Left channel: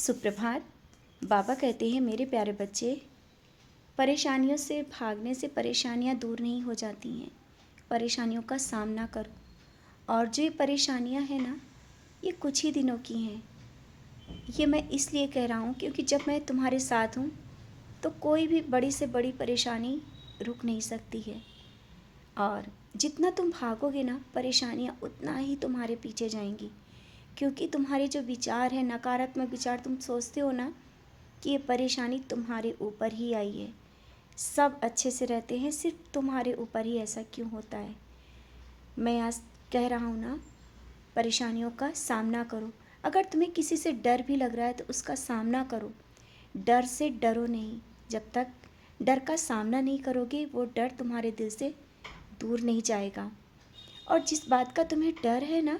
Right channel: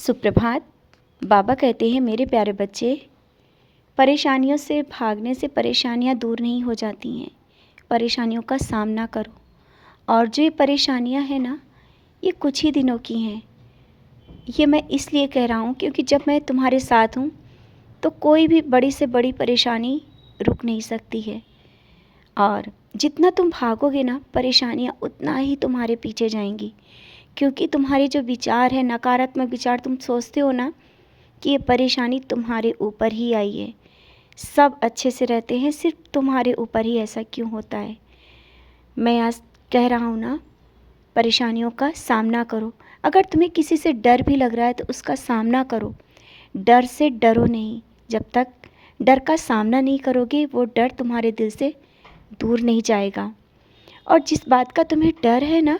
सुप्रभात। बाबा कहते हैं, मेरे प्यारे बच्चे, परेशानियों से भागने से परेशानियां दूर नहीं हो जाती हैं। परेशानियों का सामना करो। और जो ये परेशानियां हैं ना, ये कुछ ही दिनों की हैं। ये मैं इसलिए कह रहा हूँ क्योंकि जब मैं तुम्हारे साथ हूँ तो कोई भी बड़ी से बड़ी परेशानी रुक नहीं सकती है। और जितना तुम भागोगे ना, परेशानियाँ उतना ही तुम्हारे पीछे जाएंगी। क्योंकि तुम्हारे जो विचार है, नकारात्मक विचार, तुम सोचते हो ना कि ये परेशानी तुम्हारे ऊपर ही आई है, सब अच्छे से रहते हैं, सिर्फ तुम्हारे ऊपर ही ऐसा क्यों होता है। मैं आज कह रहा हूँ ना, परेशानियों का सामना करो। अगर तुम्हें किसी से डर भी लग रहा है तो उसका सामना करो। डर से डरो नहीं। जब तक डर का सामना नहीं करोगे, वो डर तुम्हारे दिल से दूर नहीं जाएगा। और जिस बात का तुम्हें डर है ना,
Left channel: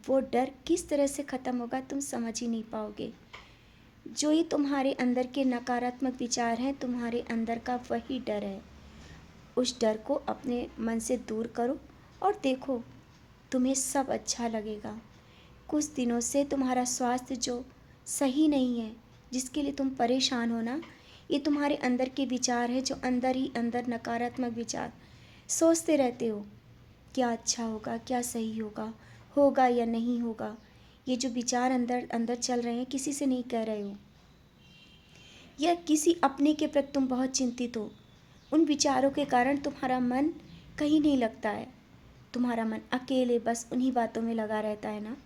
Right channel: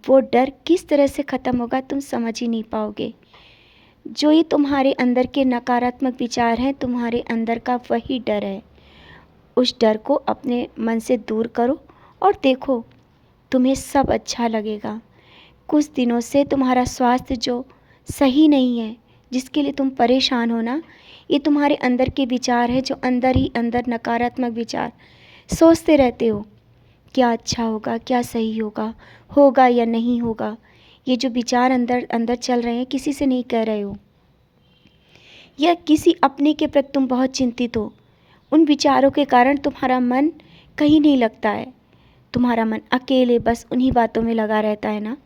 वो डर किस तरह से ख़त्म होगा तुम समझ ही नहीं पाओगे। जो ये तुम्हारे अंदर के नकारात्मक विचार हैं, तुम्हारे अंदर का वही डर है। उस डर को अपने मन से दूर करो और देखो, तुम्हें सब अच्छा लगेगा। कुछ दिनों से तुम्हारा स्वास्थ्य जो सही नहीं है, जिसके लिए तुम परेशान हो ना, ये तुम्हारे अंदर के विचार है, जो अंदर ही अंदर नकारात्मक विचार सोचते रहते हो। क्या अच्छा होगा, क्या सही होगा, होगा या नहीं होगा। ये जो विचार अंदर अंदर चल रहे हैं, किसी से नहीं कह रहे हो, या किसी अपने के प्रति तुम बहुत चिंतित हो। उन विचारों के कारण तुम्हारा मन कहीं नहीं लगता है। तुम्हारा मन अकेले बस उन्हीं बातों में लगा रहता है ना।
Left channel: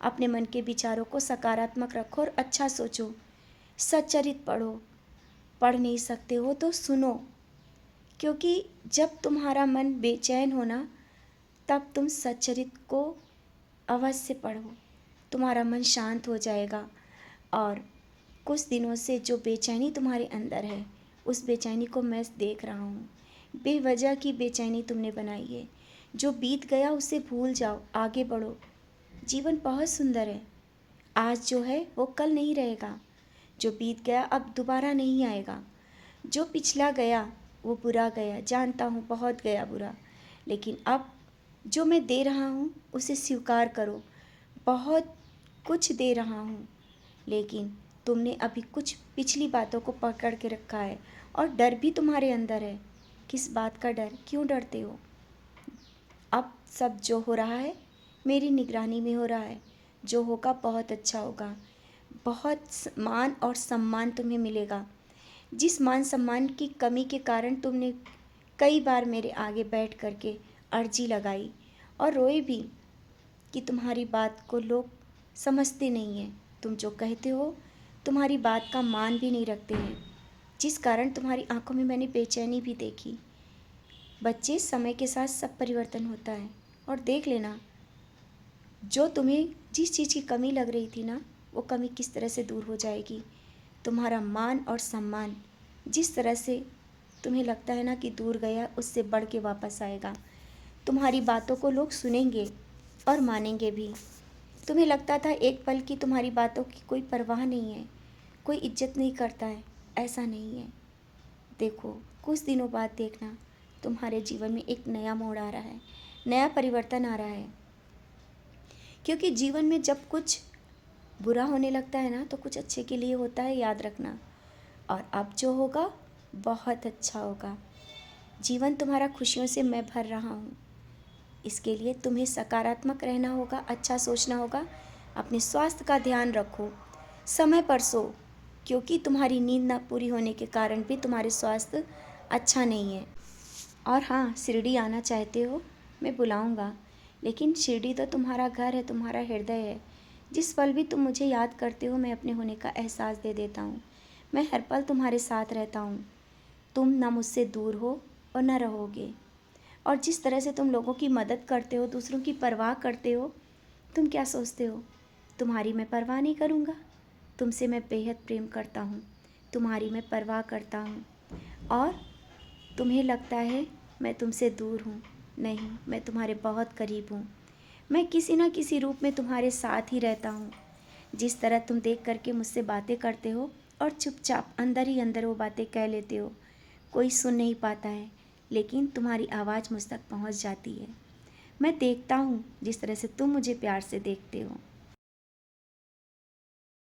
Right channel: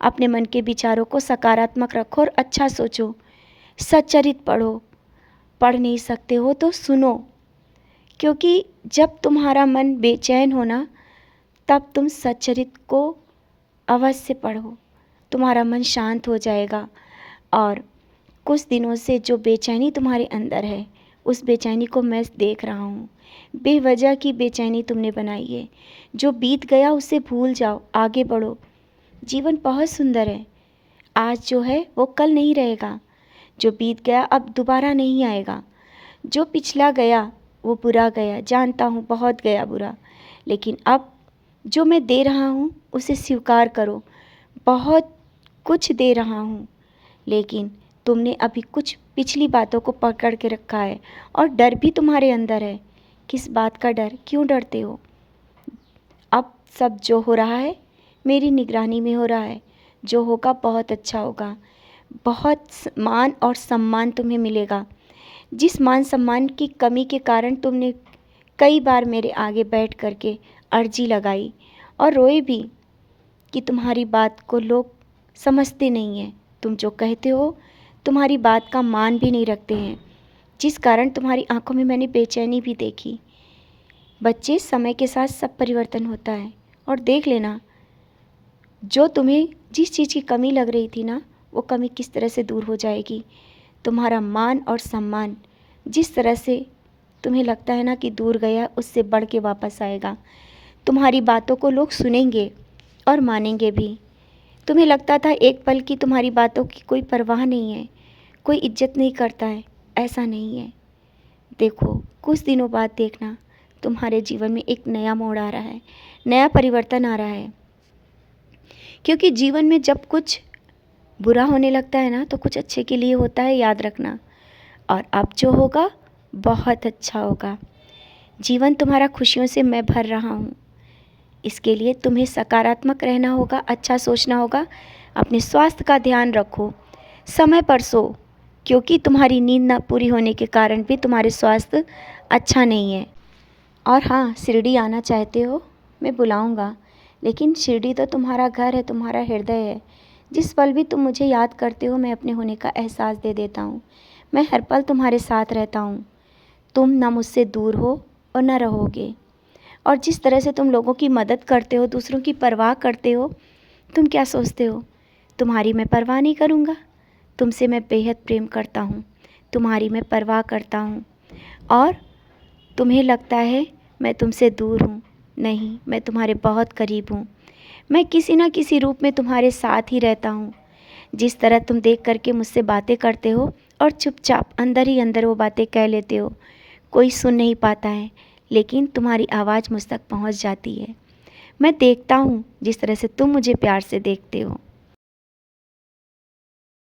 अपने मन के विचारों को सकारात्मक रखो और अच्छा सोचो। सच्चरित पढ़ो। पढ़ नहीं सकते हो तो सुनो, क्योंकि जब तुम्हारा मन बेचैन हो ना, तब तुम सच्चरित को अवश्य पढ़ो। तुम्हारा मन शांत हो जाएगा। और कुछ दिनों से जो बेचैनी तुम्हारे अंदर है, उस बेचैनी को मैं देख रहा हूँ। बेवजह की बेचैनी तुमने बनाई है। जो बीत गया उसे भूल जाओ, आगे बढ़ो। जीवन बहुत सुंदर है। आज जो है वो कल नहीं रहेगा। जो बीत गया अब दोबारा नहीं आएगा। जो पिछला गया वो बुरा गया, जानता हूँ बहुत गया बुरा, लेकिन अब जो मैं दे रहा हूँ उसे स्वीकार करो। बहुत कुछ दे रहा हूँ, लेकिन तुमने अभी कुछ पिछली बातों को पकड़ के रखा है और डर भी तुम्हारे अंदर है। किस बात का डर? क्यों डरते हो? अब सब जो हो रहा है मेरी निगरानी में हो रहा है। जो होगा बहुत अच्छा होगा। बहुत मान और सम्मान तुम्हें मिलेगा। जिस मान सम्मान की कमी के कारण तुमने कई बार मेरे आगे बैठ करके अर्जी लगाई और रोए भी कि तुम्हारी बात को लोग समझते नहीं हैं। तुम जो कहते हो, तुम्हारी बात का मान भी नहीं रखते हैं, जिस कारण तुम्हारी आंखों में मैंने बेचैनी भी देखी। बच्चे, समय के साथ सब परिवर्तन होता है। और देख लेना, जो तुम्हें जिस चीज़ की कमी लग रही थी ना, वो कमी किस तरह से दूर हो जाएगी। तुम्हारा मान और सम्मान जिस तरह से तुम्हें लगता है ना कि दूर गया, उससे बढ़ के वापस आएगा। तुम्हारी बातों को लोग सुनेंगे और मानेंगे भी। तुम्हें लगता था एक पल की तुम्हारी बातों की कोई परवाह नहीं है, कोई इज्जत नहीं करता है। ऐसा नहीं है। देखो, कुछ दिनों बाद देखना, तुम्हारे जीवन में एक नया मोड़ आ रहा है, नया परिवर्तन आ रहा है। क्योंकि जीवन में जब कुछ बुरा होने लगता है ना, तो कुछ अच्छे के लिए होता है, याद रखना। और अब जो होगा बहुत अच्छा होगा। जीवन तुम्हारा खुशियों से मैं भर रहा हूँ। इसके लिए तुम्हें सकारात्मक रहना होगा, अच्छा सोचना होगा। अपने स्वास्थ्य का ध्यान रखो, समय पर सो, क्योंकि तुम्हारी नींद ना पूरी होने के कारण भी तुम्हारे स्वास्थ्य अच्छा नहीं है। और हाँ, शिरडी आना चाहते हो, मैं बुलाऊंगा, लेकिन शिरडी तो तुम्हारा घर है, तुम्हारा हृदय है। जिस पल भी तुम मुझे याद करते हो, मैं अपने होने का एहसास दे देता हूँ। मैं हर पल तुम्हारे साथ रहता हूँ। तुम ना मुझसे दूर हो और ना रहोगे। और जिस तरह से तुम लोगों की मदद करते हो, दूसरों की परवाह करते हो, तुम क्या सोचते हो तुम्हारी मैं परवाह नहीं करूँगा? तुमसे मैं बेहद प्रेम करता हूँ, तुम्हारी मैं परवाह करता हूँ। और तुम्हें लगता है मैं तुमसे दूर हूँ। नहीं, मैं तुम्हारे बहुत करीब हूँ। मैं किसी न किसी रूप में तुम्हारे साथ ही रहता हूँ। जिस तरह तुम देख करके मुझसे बातें करते हो और चुपचाप अंदर ही अंदर वो बातें कह लेते हो, कोई सुन नहीं पाता है, लेकिन तुम्हारी आवाज़ मुझ तक पहुँच जाती है। मैं देखता हूँ जिस तरह से तुम मुझे प्यार से देखते हो।